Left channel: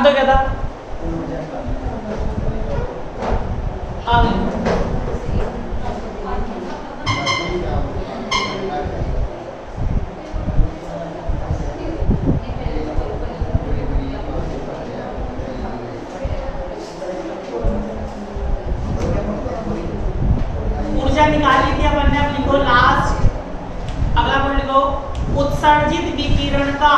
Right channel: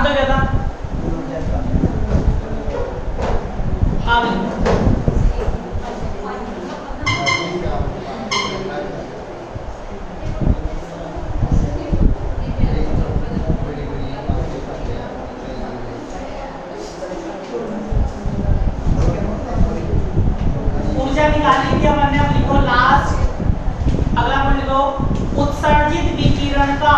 आना तो क्या था? हाँ ऊर्जा निकाली थी अपन ने, अब लिखो लास्ट अगला पॉइंट लिखो, उत्सर्जित विकिरण का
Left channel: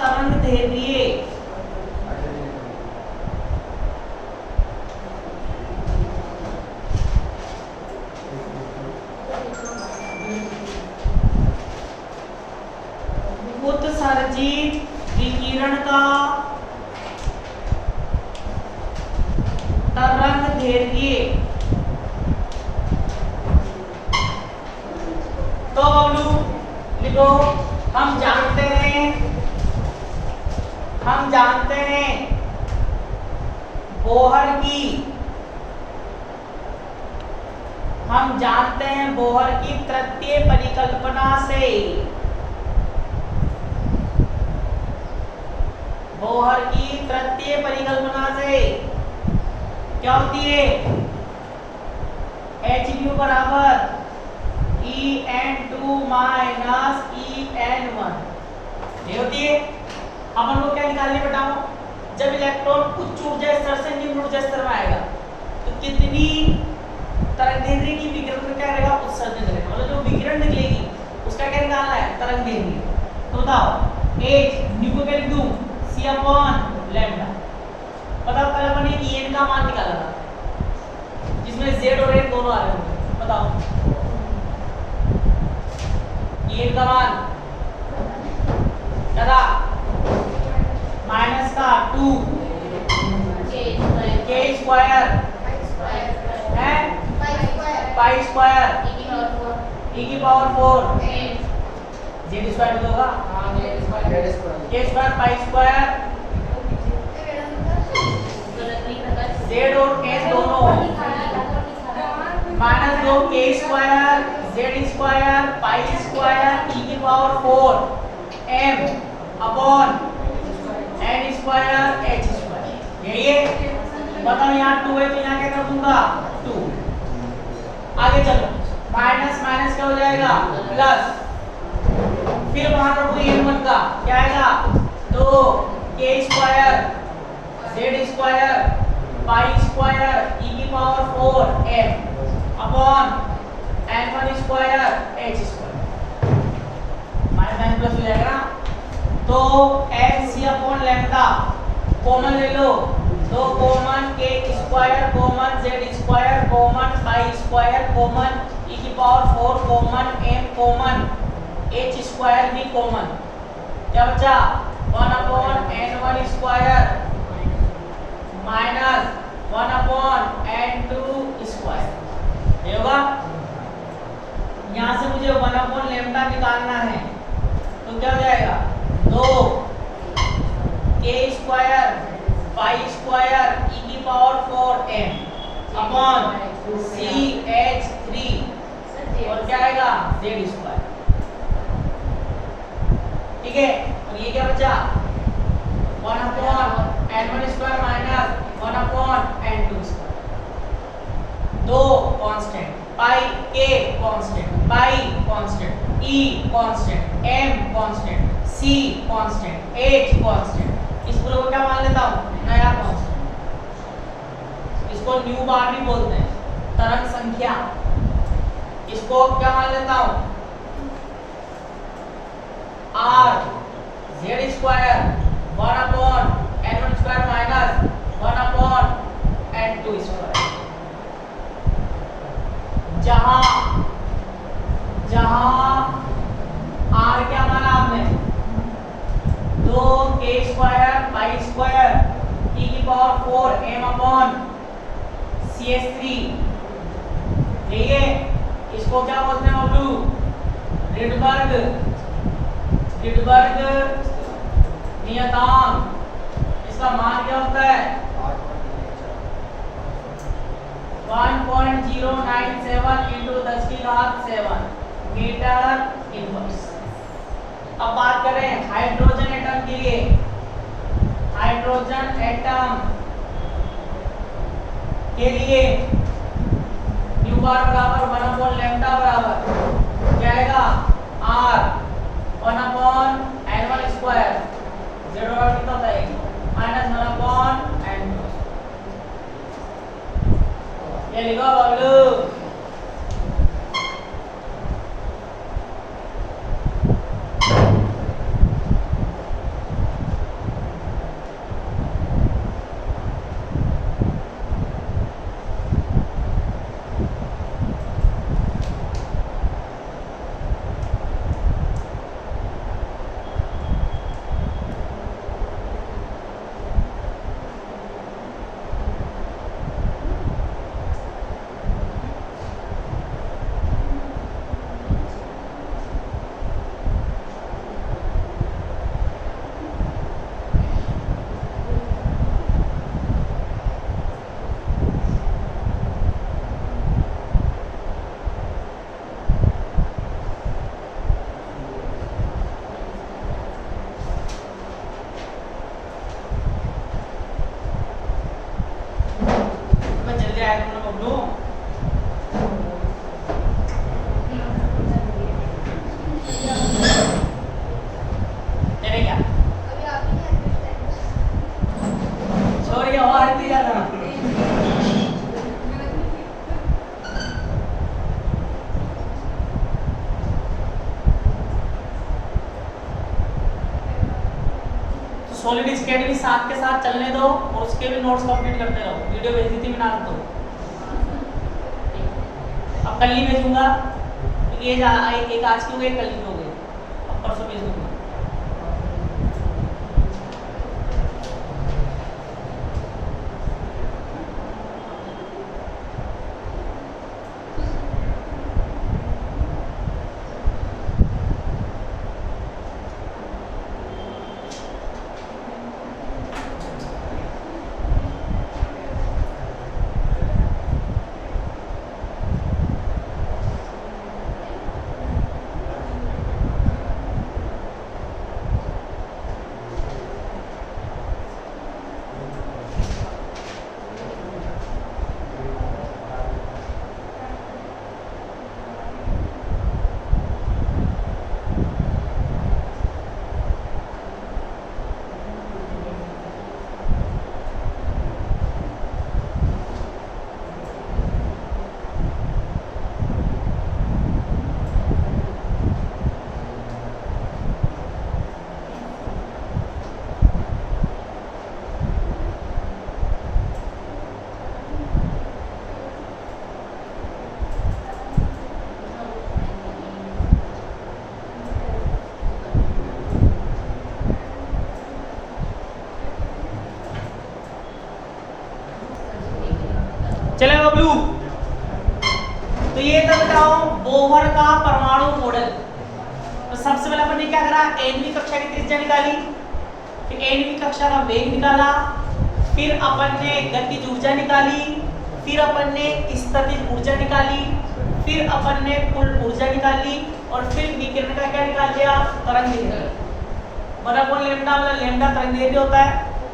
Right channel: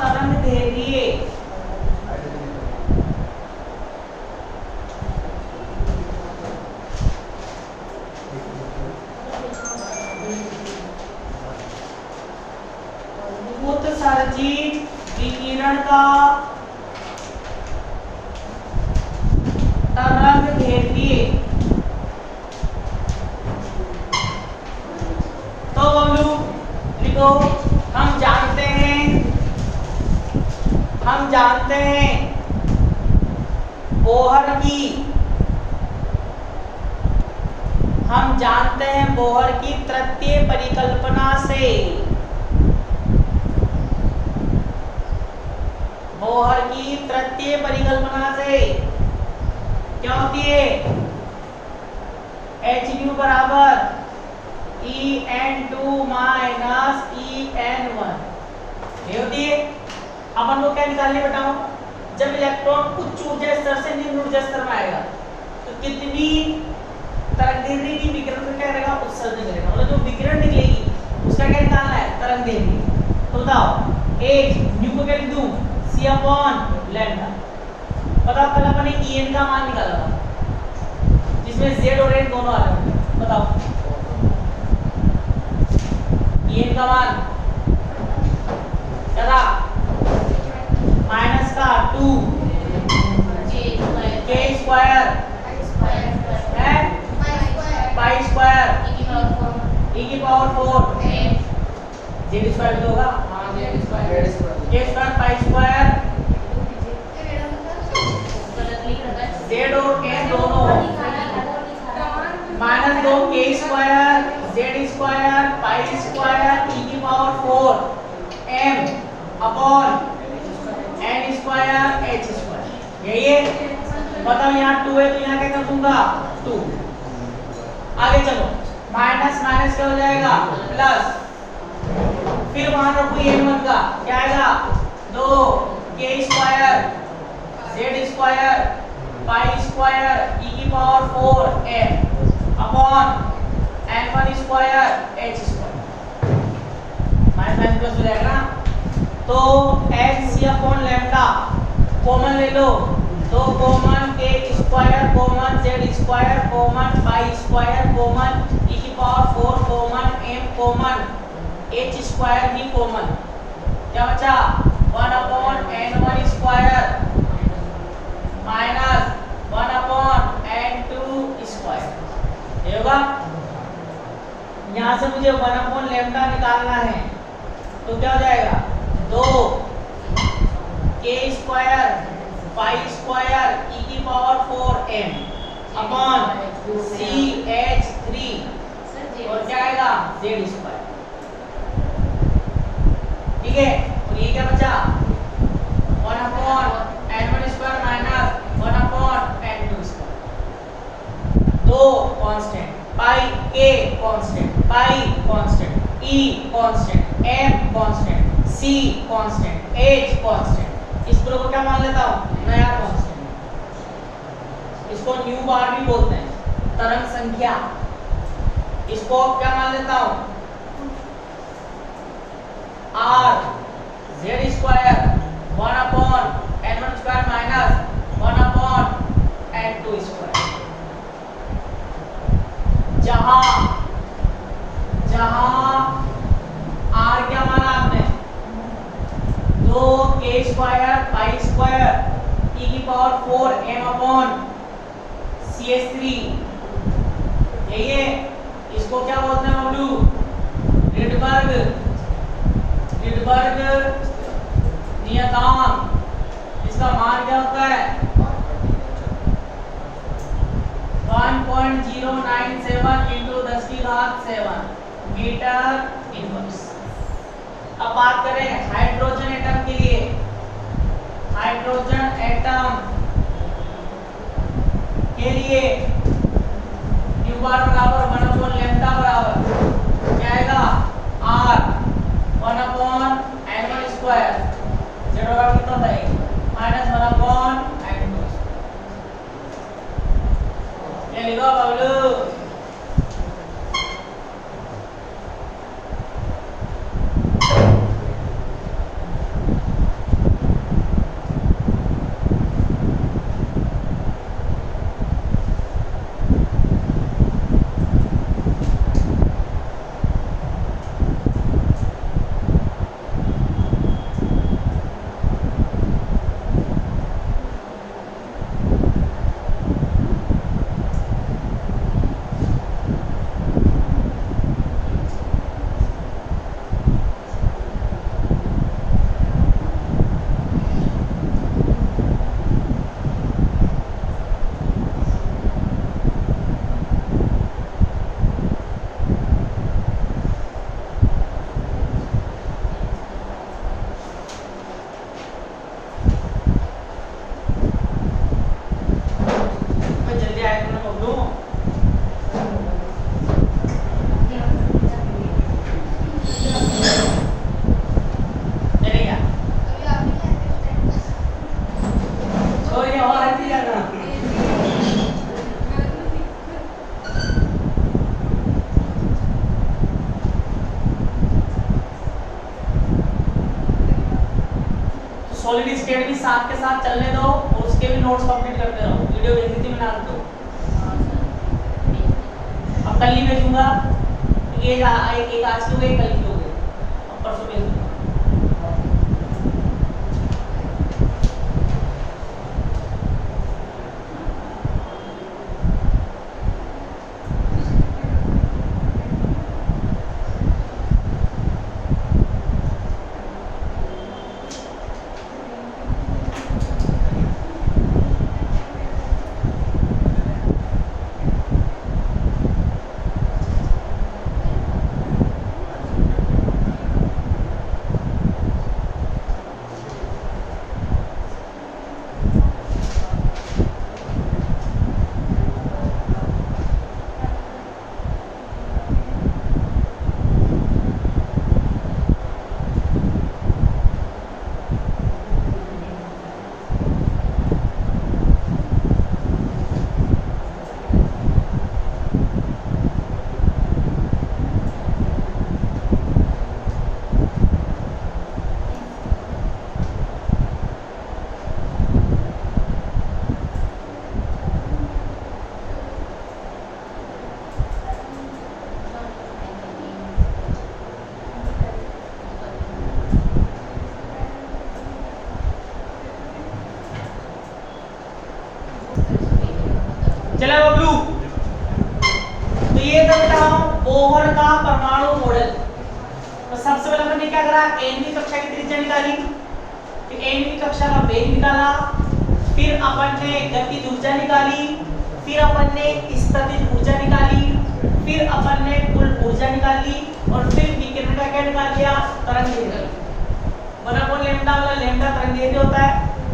तरंग दैर्घ्य उत्सर्जित विकिरण का तरंग दैर्घ्य। तो बबलू लिखो, हम जानते हैं बोहर की तृतीय परिकल्पना से क्या होती है? Hν बराबर En2 माइनस En1 ये होती है। अपन को क्या निकालने बताऊं, जब इलेक्ट्रॉन उच्च ऊर्जा स्तर से निम्न ऊर्जा स्तर में आएगा तो कितनी तरंग दैर्घ्य की विकिरण का क्या रहेगा? उत्सर्जन रहेगा। मतलब जो विकिरण निकलेगी उसका क्या निकालना है? तरंग दैर्घ्य। तो बताओ h न्यू को क्या लिख दूं? c/λ। बताओ कल अपन ने En का मान निकाला था जिसमें z और n दोनों आ रहे होंगे। बताओ En का मान चला माइनस का 2 k स्क्वायर है पाई स्क्वायर e की पावर 4 z स्क्वायर भी होगा। हां z square k square pi square z और n दोनों minus 2 k square z square pi square e की power 4 m upon n square h square. यही है। बताओ यहाँ 2 है तो यहाँ क्या कर दूंगा? 2। आगे चलो, माइनस माइनस क्या हो जाएगा? प्लस। फिर वहां रखो n1 का क्या आएगा? 2 k square z square pi square e की power 4 m upon n1 square h square. Minus plus हो जाएगा ना। तो h/λ कॉमन ले लो, तो common k square common z square common pi square common e की power 4 common m common h square भी common. क्या बचा? 1/n1 square minus 1/n2 square. ये होगा। यहाँ से मुझे 1/λ निकालना है तो क्या हो जाएगा? 2 k square pi square e की पावर 4 m अपॉन CH3 और क्या आएगा? z square. ठीक है। और ये क्या बचा? 1/n1 square minus 1/n2 square. 2 constant, pi k constant, pi constant, e constant, m constant, c constant, h constant. इस पूरे को क्या मान लेता हूं? नया कांस्टेंट। इसको न्यू बार भी बोलते हैं, तरंग संख्या। इसको क्या मान लेता हूं? r z square 1/n1 square minus 1/n2 square. जहां r क्या माना आपने? 2 k square pi square e की पावर 4 m अपॉन CH3। यही है। इसको क्या बोलते हैं बबलू? रिडबर्ग नियतांक। इसका मान क्या होता है? 1.097 × 10⁷ मीटर इनवर्स। अब बात करें हाइड्रोजन एटम के लिए, हाइड्रोजन एटम के लिए न्यू बार बराबर 1 अपॉन लैम्डा बराबर क्या आएगा r 1 upon n1 square z बराबर कितना होता है माइनस 1 अपॉन n2। ये लिखो बबलू सॉलिड स्टेट भी साथ के साथ चलने दो और उसके भी नोट्स कंप्लीट करते रहो। वीडियो भेज दी थी मैंने आपको, अब कल ही भेजूंगा। ये एक आज की हो गई, कल की हो गई, अब परसों भेज दूंगा। चले बबलू, तो ये तो बताओ बोहर का परमाणु मॉडल। तो सबसे पहले हमने क्या करा, nवीं कक्षा की त्रिज्या निकाली, फिर nवीं कक्षा का वेग निकाला, फिर अपन ने गतिज ऊर्जा निकाली, फिर अपन ने स्थितिज ऊर्जा निकाली, फिर अपन ने कुल ऊर्जा निकाली, और फिर विकिरण का क्या निकाल लिया, तरंग निकाली। बड़ा कौन लैम्डा वाला, लैम्डा तरंग दैर्ध्य होता है,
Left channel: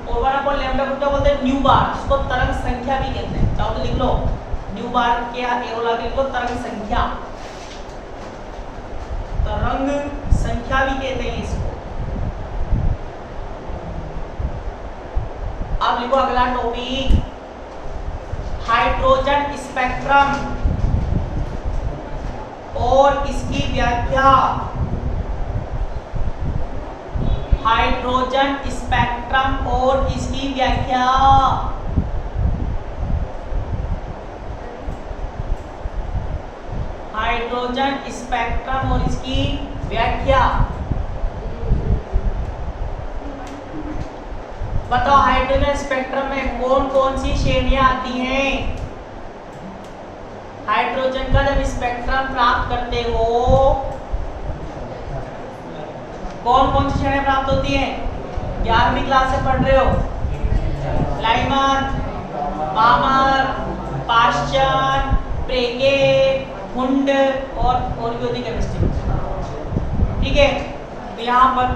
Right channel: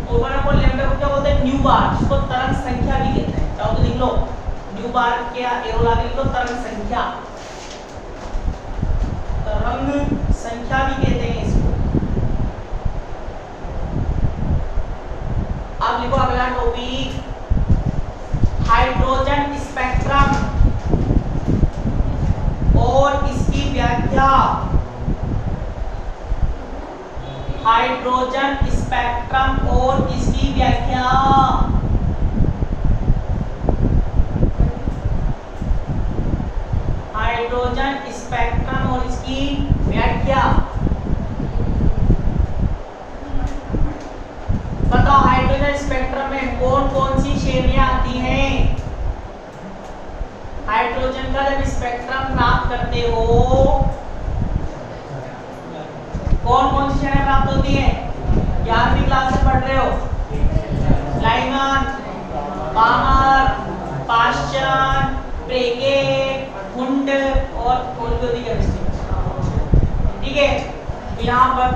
और बड़ा कौन लैम्डा को क्या बोलते हैं, न्यू बार, जिसको तरंग संख्या भी कहते हैं। चाहो तो लिख लो, न्यू बार के एरो लगा लिख लो, तरंग संख्या, तरंग संख्या भी कहते हैं इसको। अब लिखो अगला टॉपिक, हाइड्रोजन स्पेक्ट्रम और इसकी व्याख्या। हाइड्रोजन स्पेक्ट्रम और इसकी व्याख्या। हाइड्रोजन स्पेक्ट्रम और इसकी व्याख्या। बताओ हाइड्रोजन स्पेक्ट्रम में कौन कौन सी श्रेणियां आती हैं। हाइड्रोजन का जब स्पेक्ट्रम प्राप्त करते हो कौन कौन सी श्रेणियां प्राप्त होती हैं। 11वीं क्लास से पढ़ रहे हो, लाइमन, पामर, पाश्चर, प्रेगे, हुंड और ऑर्गेनिक केमिस्ट्री। ठीक है, तो यहाँ पर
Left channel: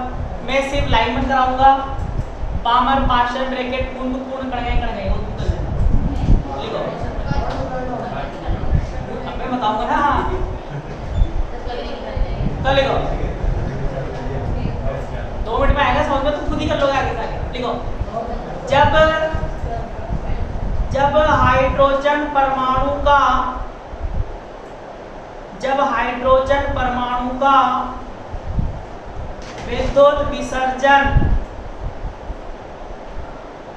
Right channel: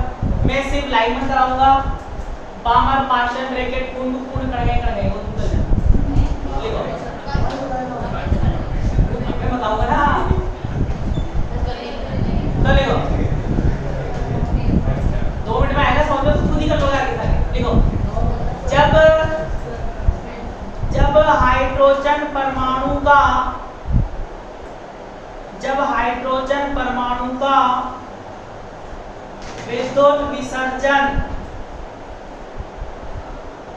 मैं सिर्फ लाइन में कराऊंगा, पामर पार्शियल ब्रैकेट पूर्ण करेंगे वो तो लिखो, मैं बताऊंगा ना, तो लिखो 2 मिनट में आएगा समझ में, तो खुद ही कर लोगे आगे जाके। लिखो जब हाइड्रोजन परमाणु का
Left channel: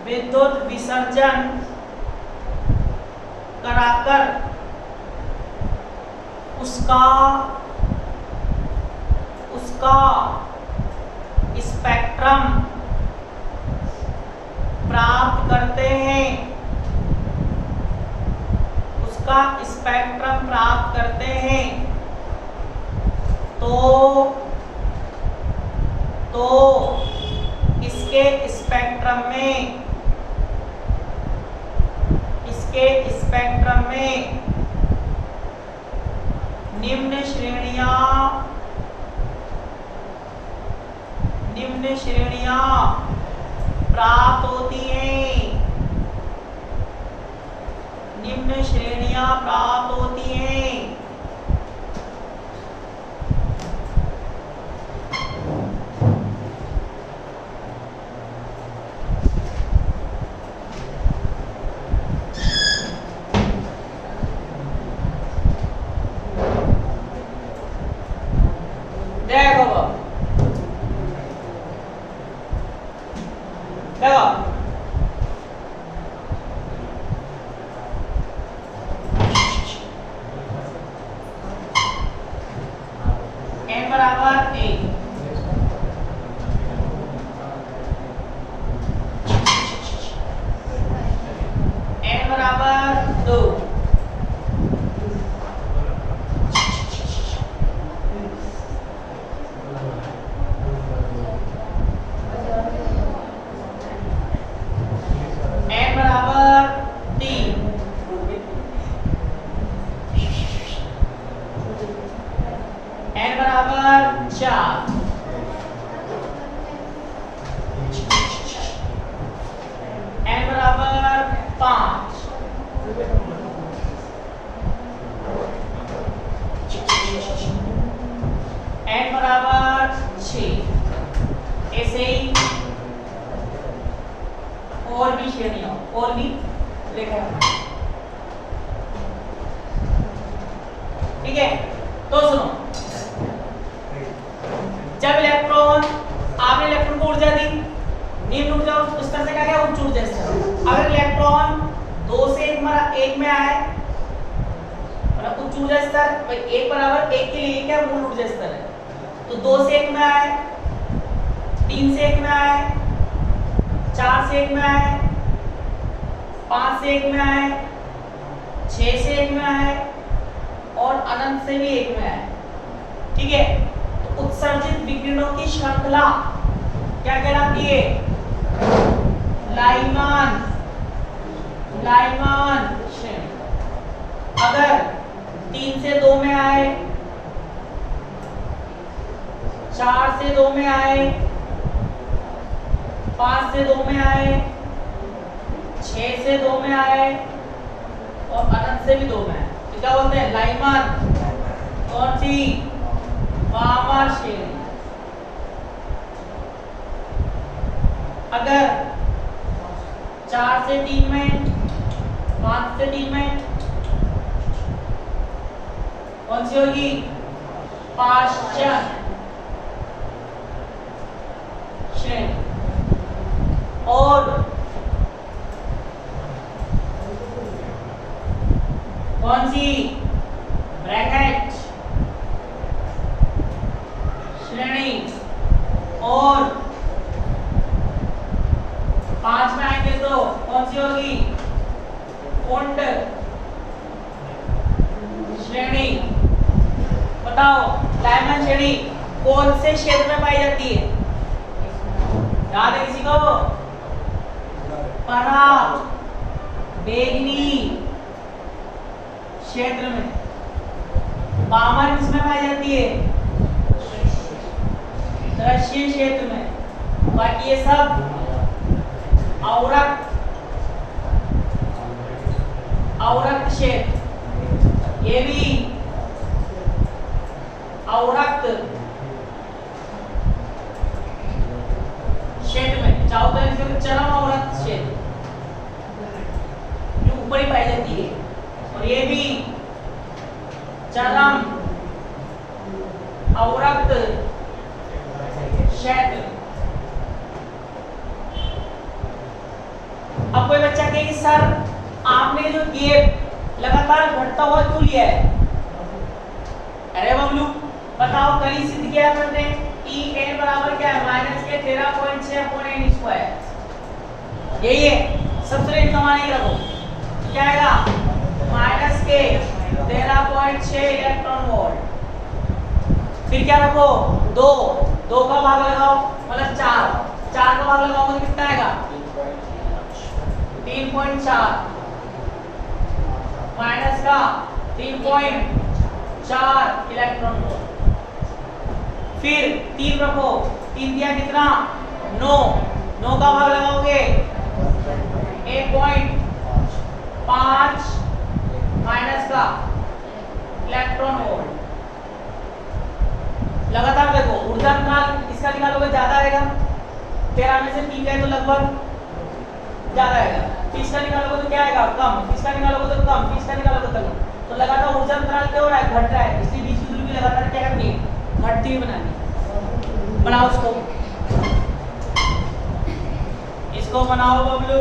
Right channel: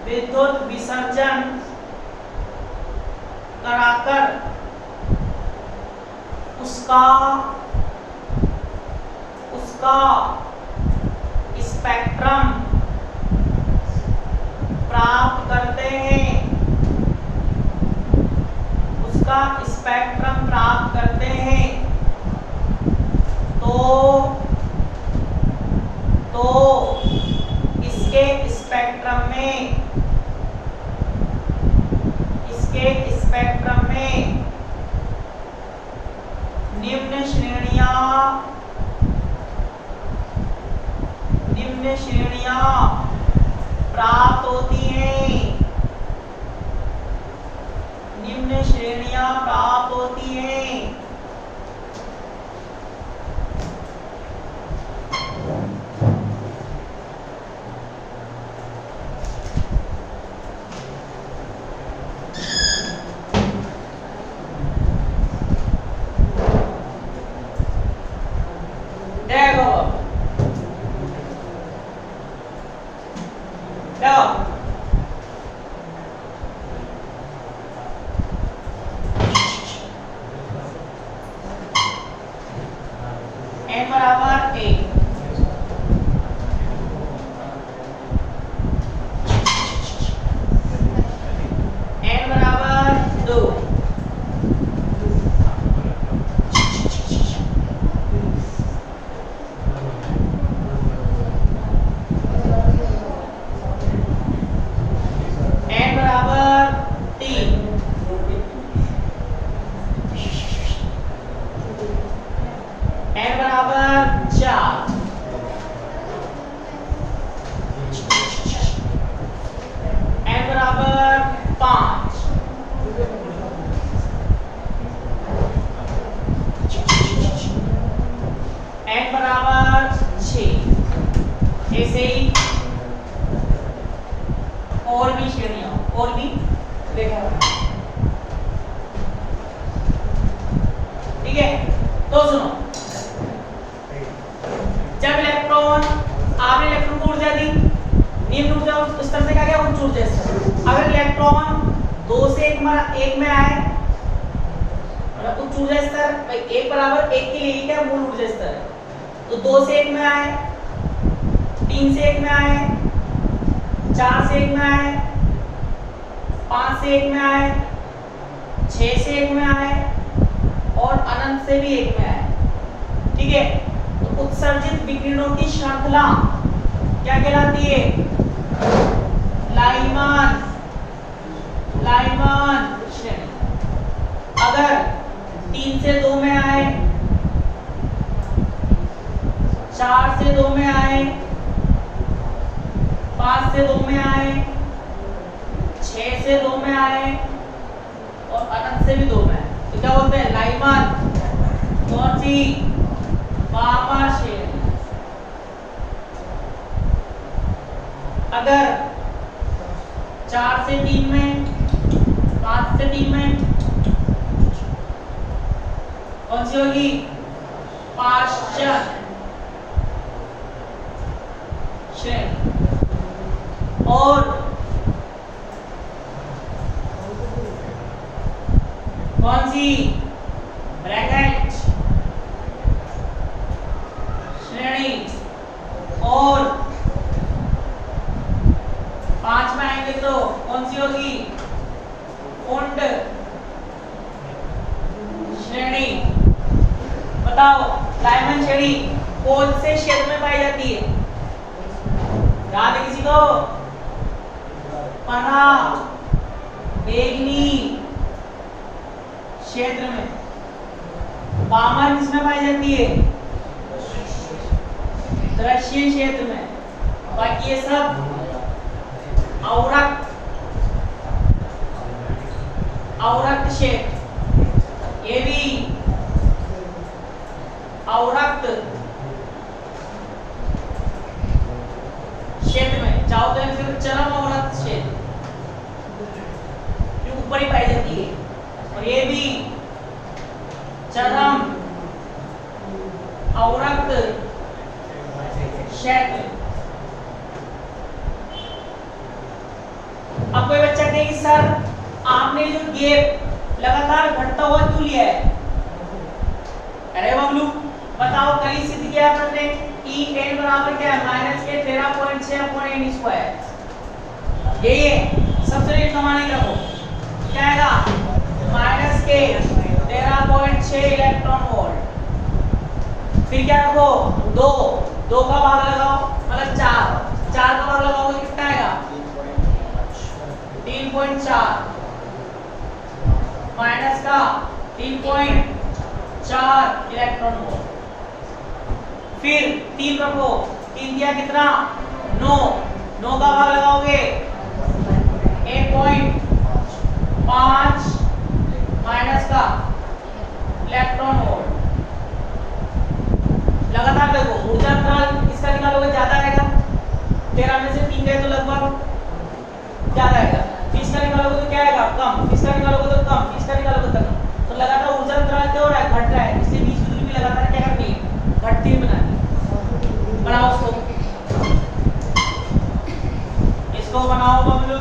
विद्युत विसर्जन कराकर उसका स्पेक्ट्रम प्राप्त करते हैं, तो इसके स्पेक्ट्रम में निम्न श्रेणियां प्राप्त होती हैं, n बराबर 1, n बराबर 2, n बराबर 3, n बराबर 4, n बराबर 5, n बराबर 6। ऐसे ही और भी श्रेणियां और भी लिखा है, ठीक है। तो सुनो, जब आपने इलेक्ट्रॉन को ऊर्जा दी, निम्न ऊर्जा उस तरह से क्या उच्च ऊर्जा स्तर। अगर इलेक्ट्रॉन 2 से 1 में आए, मतलब उच्च ऊर्जा स्तर भाई 1 बराबर 1 के लिए क्या मूल ऊर्जा स्तर है, तो 2 से 1 में आए, 3 से 1 में आए, 4 से 1 में आए, 5 से 1 में आए, 6 से 1 में आए और अनंत से भी 1 में आए, ठीक है। तो उत्सर्जित विकिरणों की श्रृंखला क्या कहलाती है? लाइमान श्रेणी। अगर 3 से 2 में आए, 4 से 2 में आए, 5 से 2 में आए, 6 से 2 में आए और अनंत से भी 2 में आए, तो क्या बोलते हैं? लाइमान। कौन सी? पामर श्रेणी। अगर 4 से 3 में, 5 से 3 में, कौन सी होगी? पाश्चात्य श्रेणी। और कौन सी? ब्रैकेट श्रेणी। और 5 में आएंगे तो कौन सी होगी? कुंड श्रेणी। बताओ, लाइमान श्रेणी कौन से क्षेत्र में पाई जाती है? याद है किसी को? परा बेगनी क्षेत्र में। पामर किसमें पाई जाती है? दृश्य क्षेत्र में। बाकी ये सब अवरक्त क्षेत्र, ये भी अवरक्त क्षेत्र में। चाहो तो फिर चरम अवरक्त क्षेत्र जो ऊपर ही पाई जाती है, और ये भी चरम अवरक्त क्षेत्र। अब कोई बच्चा कहे कि सर आपने जो गैप लगातार घटता हुआ क्यों लिया है? अरे बबलू बताओ, कल ही सिद्ध किया अपन ने E n बराबर क्या है? माइनस के 13.6 अपॉन n स्क्वायर। यही है सबसे सामान्य रखो, क्या आएगा? माइनस के 13.6 इलेक्ट्रॉन वोल्ट। फिर क्या रखो? 2 का भाग लगाओ, मतलब 4 का भाग लगाओगे कितना आएगा? 3.4 माइनस का 3.4 इलेक्ट्रॉन वोल्ट। फिर 3 रखो, 3 दिया कितना? 9 का भाग लगाओगे 1.5 माइनस का इलेक्ट्रॉन वोल्ट। लगातार देखो, ऊर्जा अंतराल इसका निकालोगे ज्यादा आएगा, 13 में से 3 गए तो लगभग ज्यादा आएगा। फिर इसका निकालोगे तो क्या आएगा? कम। इसका निकालोगे तो कम, फिर इसका निकालोगे तो कम। तो लगातार ऊर्जा अंतराल क्या हो रहा है? घट रहा है। इसलिए बीच की दूरी भी लगातार क्या करनी है? घटती हुई बनानी। बनाओ इसको बनाओ बबलू।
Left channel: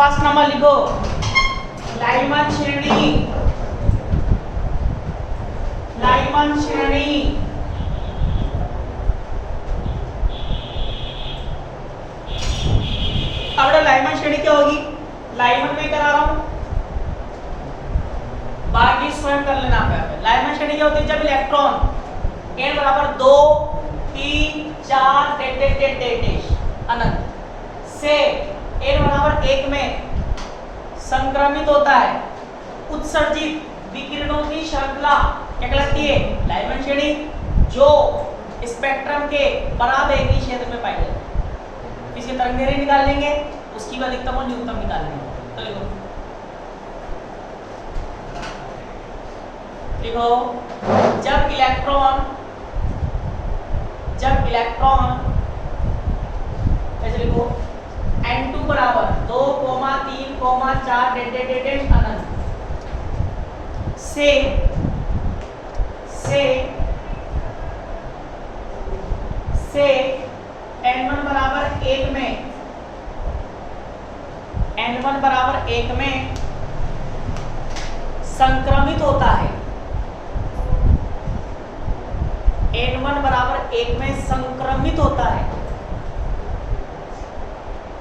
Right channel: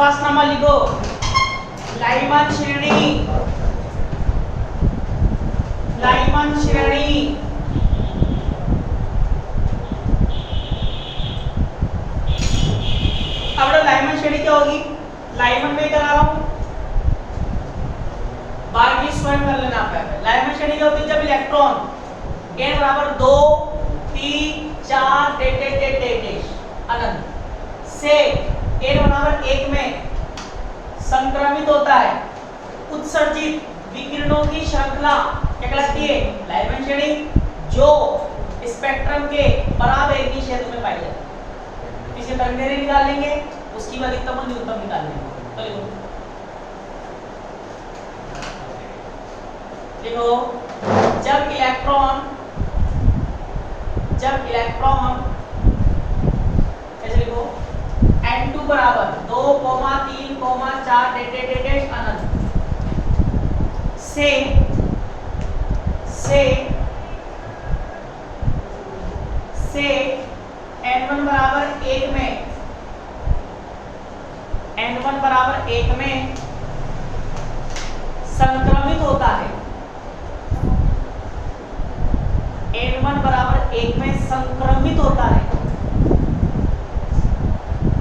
फर्स्ट नंबर लिखो, लाइमन श्रेणी। लाइमन श्रेणी अब लाइमन श्रेणी क्या होगी? लाइमन में करा रहा हूं, बाकी स्वयं कर लेना आपका। लाइमन श्रेणी क्या होती है? जब इलेक्ट्रॉन n बराबर 2 3 4 अनंत से n बराबर 1 में संक्रमित होता है, उत्सर्जित विकिरणों की श्रृंखला कहलाती है लाइमन श्रेणी, जो स्पेक्ट्रम के परावैंगी क्षेत्र में पाई जाती है। इसकी तरंगदैर्घ्य निकाल लेंगे, उसकी भी अधिकतम और न्यूनतम निकाल लेंगे। तो देखो, जब इलेक्ट्रॉन ऐसे लिखो, n2 बराबर 2, 3, 4 अनंत से n1 बराबर 1 में संक्रमित होता है। n1 बराबर 1 में संक्रमित होता है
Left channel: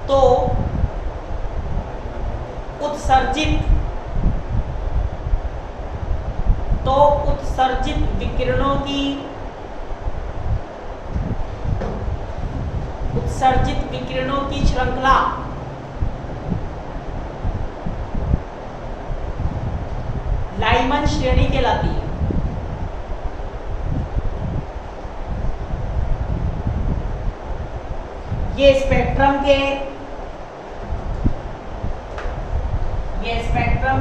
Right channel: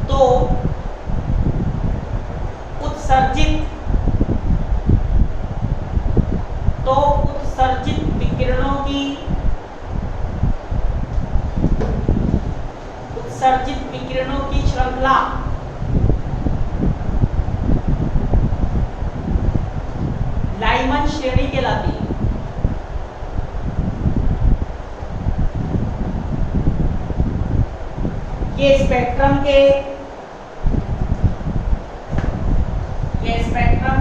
तो उत्सर्जित विकिरणों की श्रृंखला लाइमन लाइमन श्रेणी कहलाती है। ये स्पेक्ट्रम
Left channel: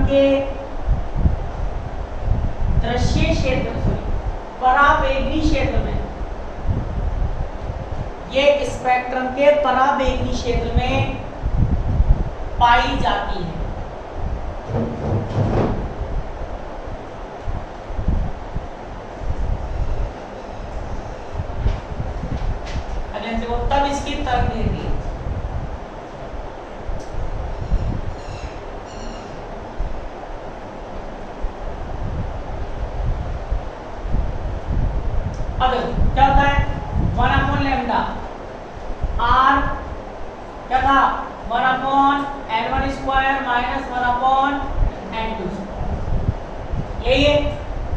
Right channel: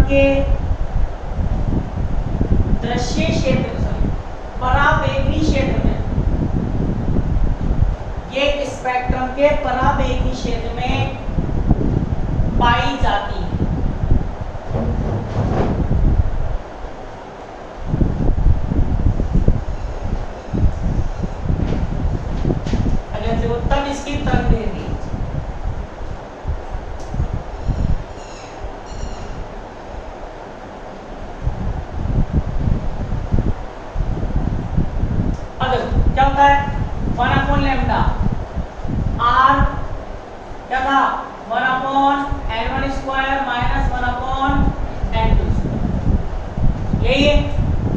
के दृश्य क्षेत्र पराबैंगनी क्षेत्र में, ये स्पेक्ट्रम के पराबैंगनी क्षेत्र में पाई जाती है। तब इसकी तरंग दैर्ध्य अब क्या होता है 1/λ r क्या था 1/n1² माइनस 1/n2², यही है।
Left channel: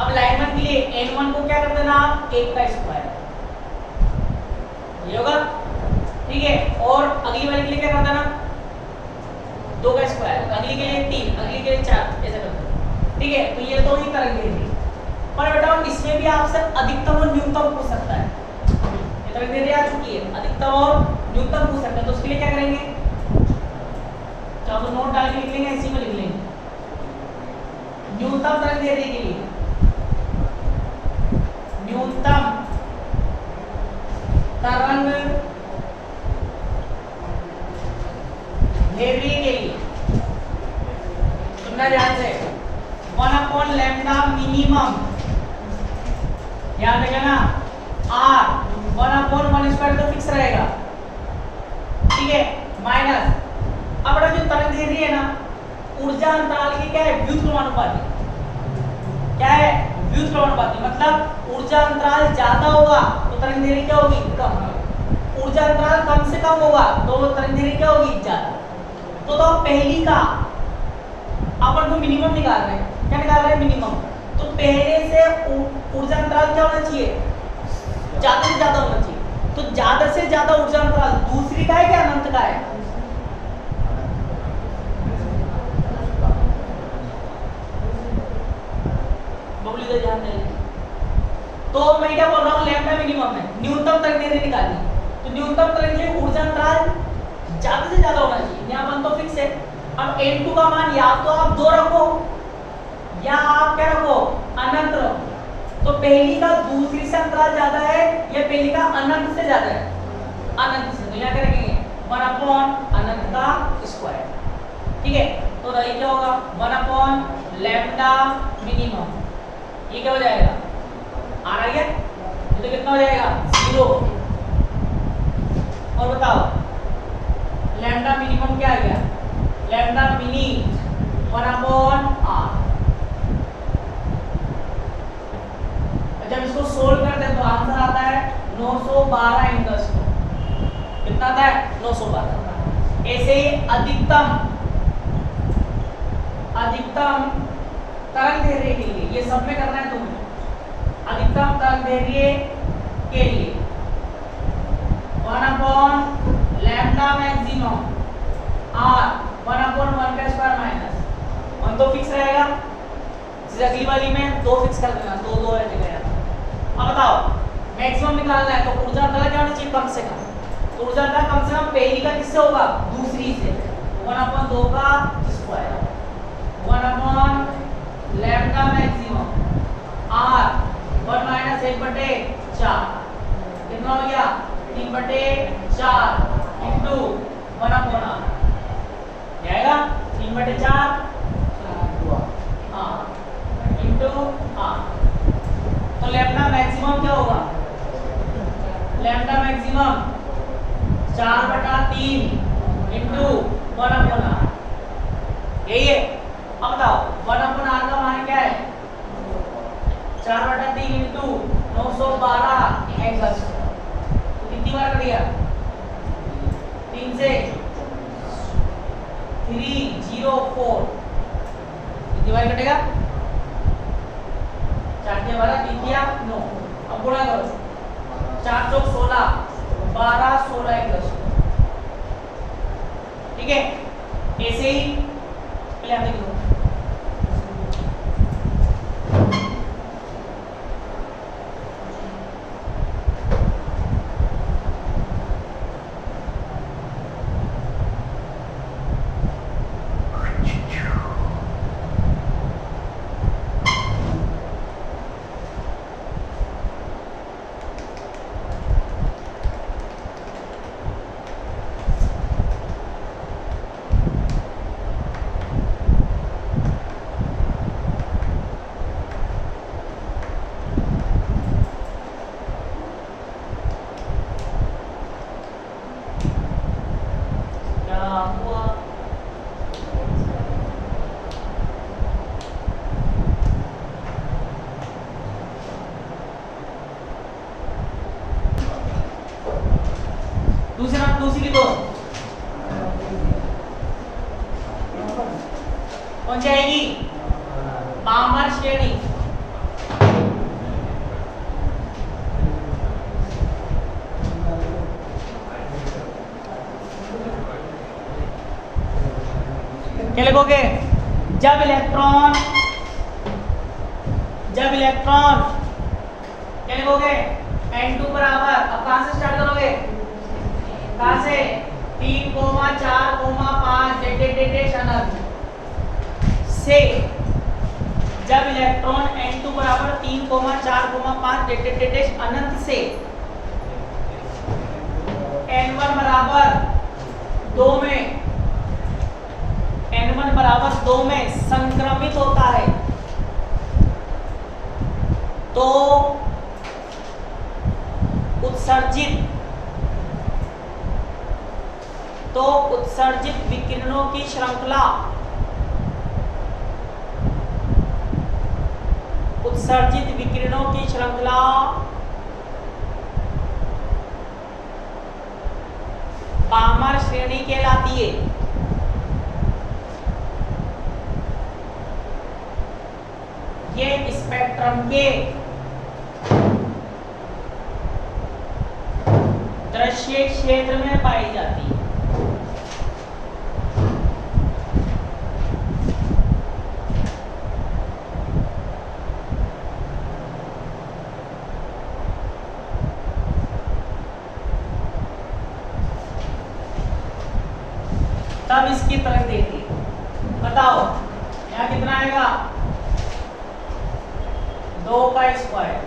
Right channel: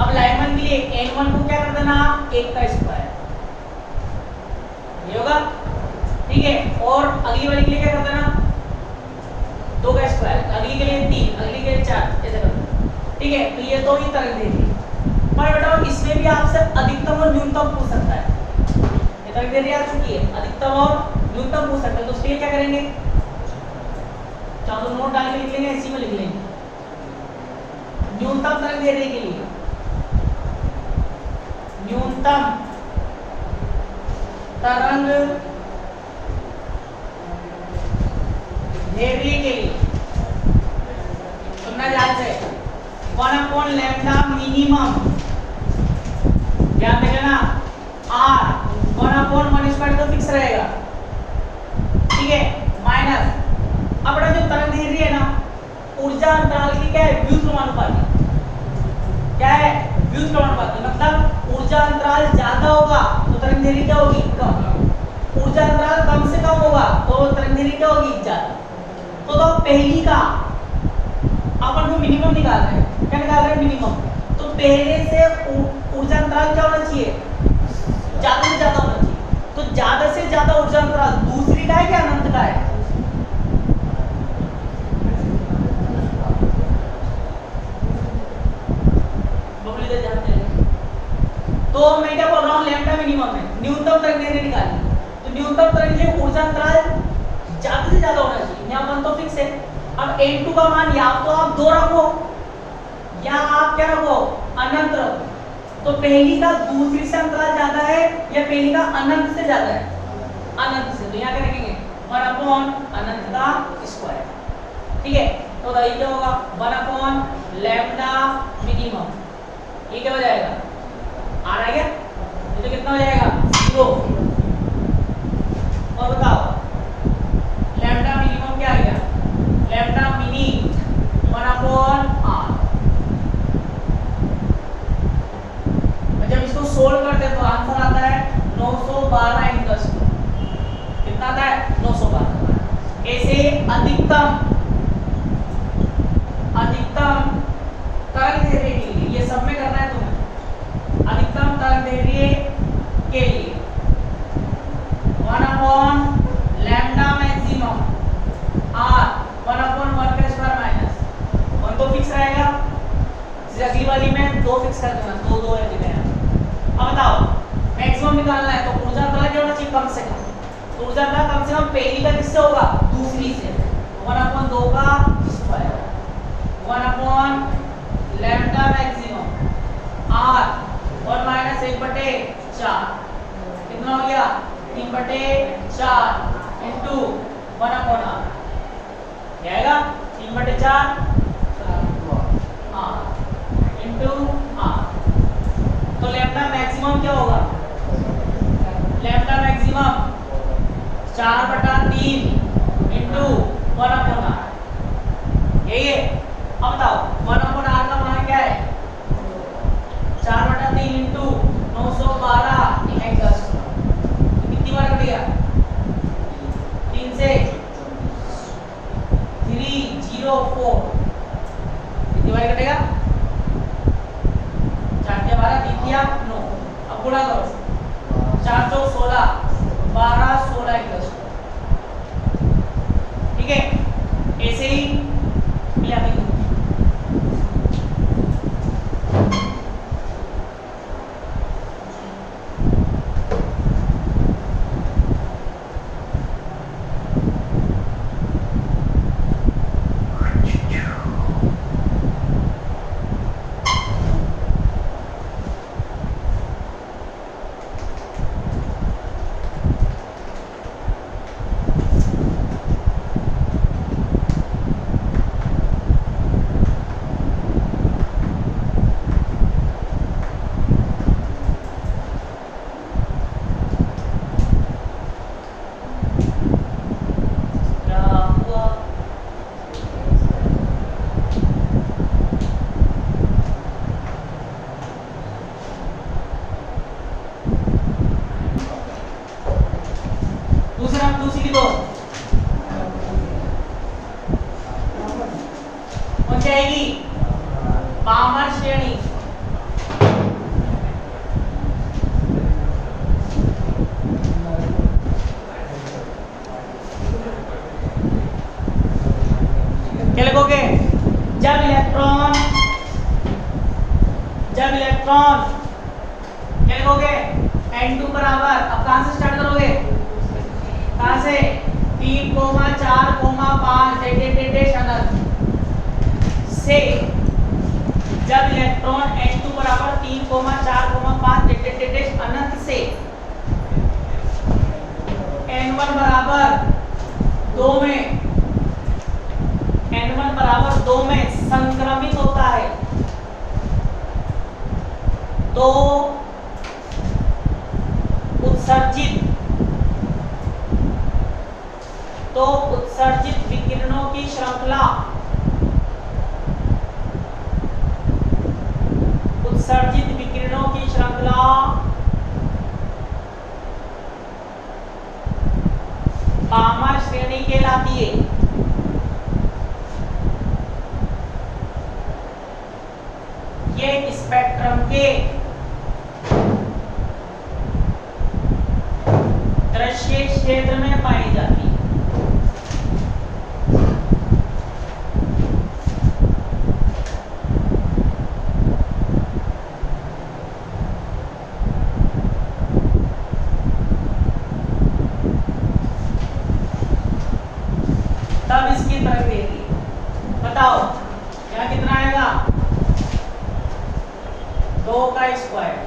अब लाइमन के लिए n1 को क्या कर देना आप 1 का स्क्वायर, ये होगा, ठीक है। और अगली वाली के लिए क्या कर देना 2 का स्क्वायर, अगली के लिए 3, अगली के लिए 4, ऐसा कर दो, ठीक है। तो ये तो ही तरंग दैर्ध्य, पर बेटा इसमें भी आपसे अधिकतम और न्यूनतम पूछ सकता है। ये तरंग दैर्ध्य आ चुकी है, अधिकतम और न्यूनतम पूछ सकता है, तो उसके लिए क्या करेंगे, चाहे तो नोट डाल के लिख लेंगे, इसी में लिख लेंगे। न्यूनतम तरंग दैर्ध्य के लिए न्यूनतम तरंग दैर्ध्य के लिए तुमने ध्यान से 1/λ मिनिमम ध्यान देना, r 1/1² तो फिक्स रहेगा, ठीक है, माइनस अब जो तरंग दैर्ध्य है ना ऊर्जा अंतराल की क्या है व्युत्क्रमानुपाती, क्या है व्युत्क्रमानुपाती, मतलब ऊर्जा अंतराल ज्यादा होगा तो तरंग दैर्ध्य क्या होगी कम, ऊर्जा अंतराल कम से कम होगा तो तरंग दैर्ध्य क्या होगी ज्यादा। तो पहली का अपन को मिनिमम निकाल रहे हैं, क्या निकाल रहे हैं मिनिमम, तो पहले से ऊर्जा अंतराल क्या होना चाहिए ज्यादा से ज्यादा होना चाहिए, तो ज्यादा से ज्यादा ऊर्जा अंतराल दूसरी का है क्या अनंत का है, तो मैं क्या बोल रहा हूँ लैम्डा मिनिमम है, न्यूनतम तरंग दैर्ध्य निकालनी, तो न्यूनतम तरंग दैर्ध्य ऊर्जा अंतराल ज्यादा से ज्यादा होना चाहिए, यहाँ पर तो फिक्स है। अब n2 का मान या तो आप 2 रखो या आप क्या रखो अनंत रखो, तो पहली का दूसरी से अंतराल ज्यादा है या पहली का अनंत से ज्यादा है, अनंत से, तो यहाँ क्या रखेंगे 1/, अनंत का स्क्वायर, ठीक है। तो ये क्या होगा 1/λ मिनिमम, ये क्या हो जाएगा आ गया, ये तो कितना हो जाएगा 0, और बताओ लैम्डा मिनिमम क्या आ गया, लैम्डा मिनी 1/r। जब इसको सोल्व करते हैं तो आंसर आता है 912 × 10, कितना आता है 912। ऐसे ही अधिकतम तरंग दैर्ध्य के लिए, ये सब में करना है तुम्हें, अधिकतम तरंग दैर्ध्य के लिए 1/λ मैक्सिमम r 1/1² माइनस 1 तो फिक्स रहेगा, अगली वाली में 2 फिक्स कर देना, 2 है जगह। अब बताओ मैक्सिमम निकालना है तो ऊर्जा अंतराल क्या होना चाहिए कम से कम, तो ऊर्जा अंतराल कम से कम पहली का किससे होगा दूसरी से, 1/2 का स्क्वायर 1/λ मैक्सिमम r 1 - 1/4, कितना हो गया 3/4 इंटू 1/r जाएगा 3/4 इंटू r। तो लैम्डा मैक्सिमम क्या होगा, लैम्डा मैक्सिमम 4/3 इंटू 1/r, यही है। अब बताओ 1/r का मान क्या है 4/3 इंटू 912 10, कितनी बार कट गया 3 से 304, कितनी बार कटेगा 4 × 12 3 × 9, अब गुणा करो 4 × 4 16 12 16 10, ठीक है। ऐसे ही कौन सी आएगी? पामर श्रेणी। क्या लिखोगे? जब इलेक्ट्रॉन क्या लिखोगे? N2 बराबर, अब कहां से स्टार्ट करोगे? कहां से? 3, 4, 5 डेट अनंत से। जब इलेक्ट्रॉन N2 बराबर 3, 4, 5 डेट अनंत से N1 बराबर 2 में N1 बराबर 2 में संक्रमित होता है तो उत्सर्जित विकिरणों की श्रृंखला पामर श्रेणी कहलाती है। ये स्पेक्ट्रम के दृश्य क्षेत्र में पाई जाती है। तब इसकी तरफ देखिए, बताओ यहाँ कितना आएगा? 2 का स्क्वायर।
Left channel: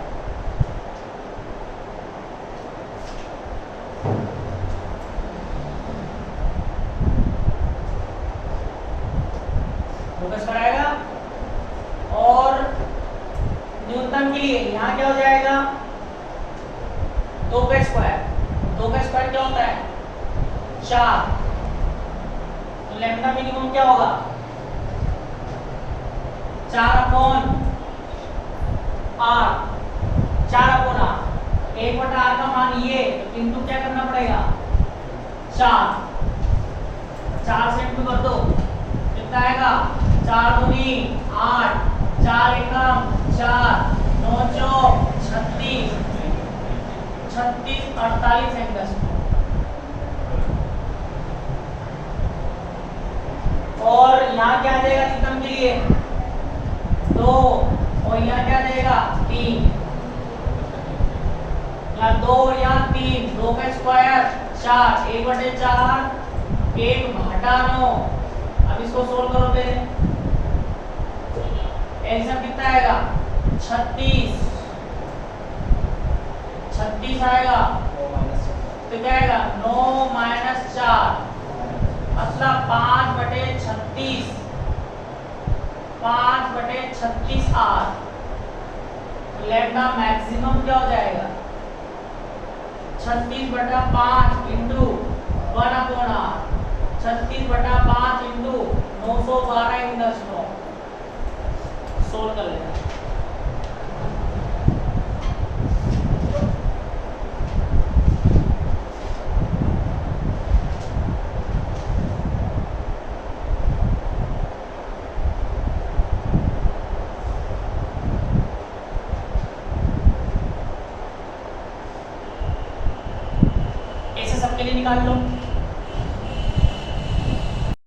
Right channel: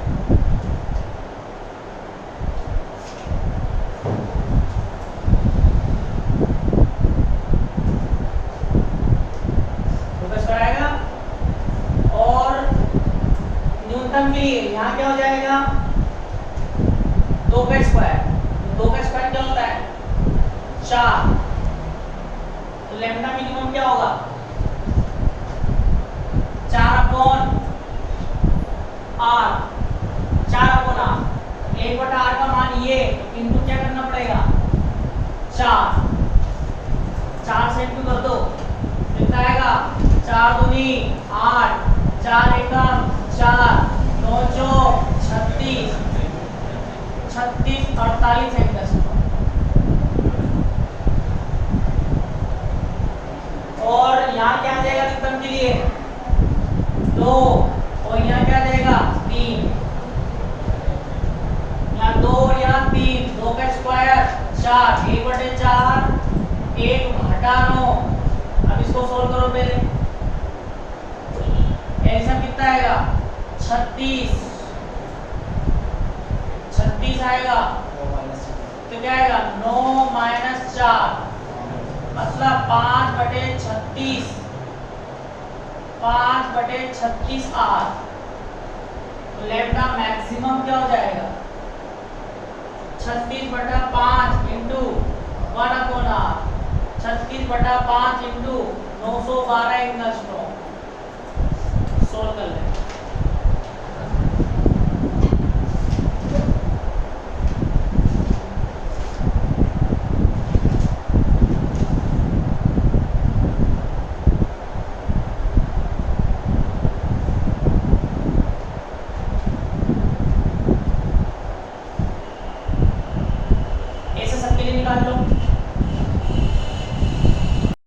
आएगा और न्यूनतम के लिए यहाँ क्या हो जाएगा? 2 का स्क्वायर। 2 का स्क्वायर क्या होता है? 4। तो लैम्डा मिनिमम क्या होगा? 4/r। 4/r 1/r का मान ये, तो इंटू क्या करना पड़ेगा? 4 से इंटू कर दो, कितना आएगा? 4 दूनी 8, 4 एकम 4, 9 चौक 36, 48 एंगस्ट्रॉम। और यहाँ क्या आ जाएगा न्यूटन के लिए? 2, और यहाँ क्या आ जाएगा? 3। यहाँ 2 और यहाँ 3, 2 का स्क्वायर 4, 1/4, 1 घटा 9। अब इसको सोल्व करो पहले। एलसीएम कितना आएगा? 36 आएगा। तो क्या आएगा? 9 - 4 मतलब 5/36, 5/36 r। तो लैम्डा मैक्सिमम क्या हो जाएगा? 36/5 इंटू 1/r, 36/5 इंटू 912 एंगस्ट्रॉम।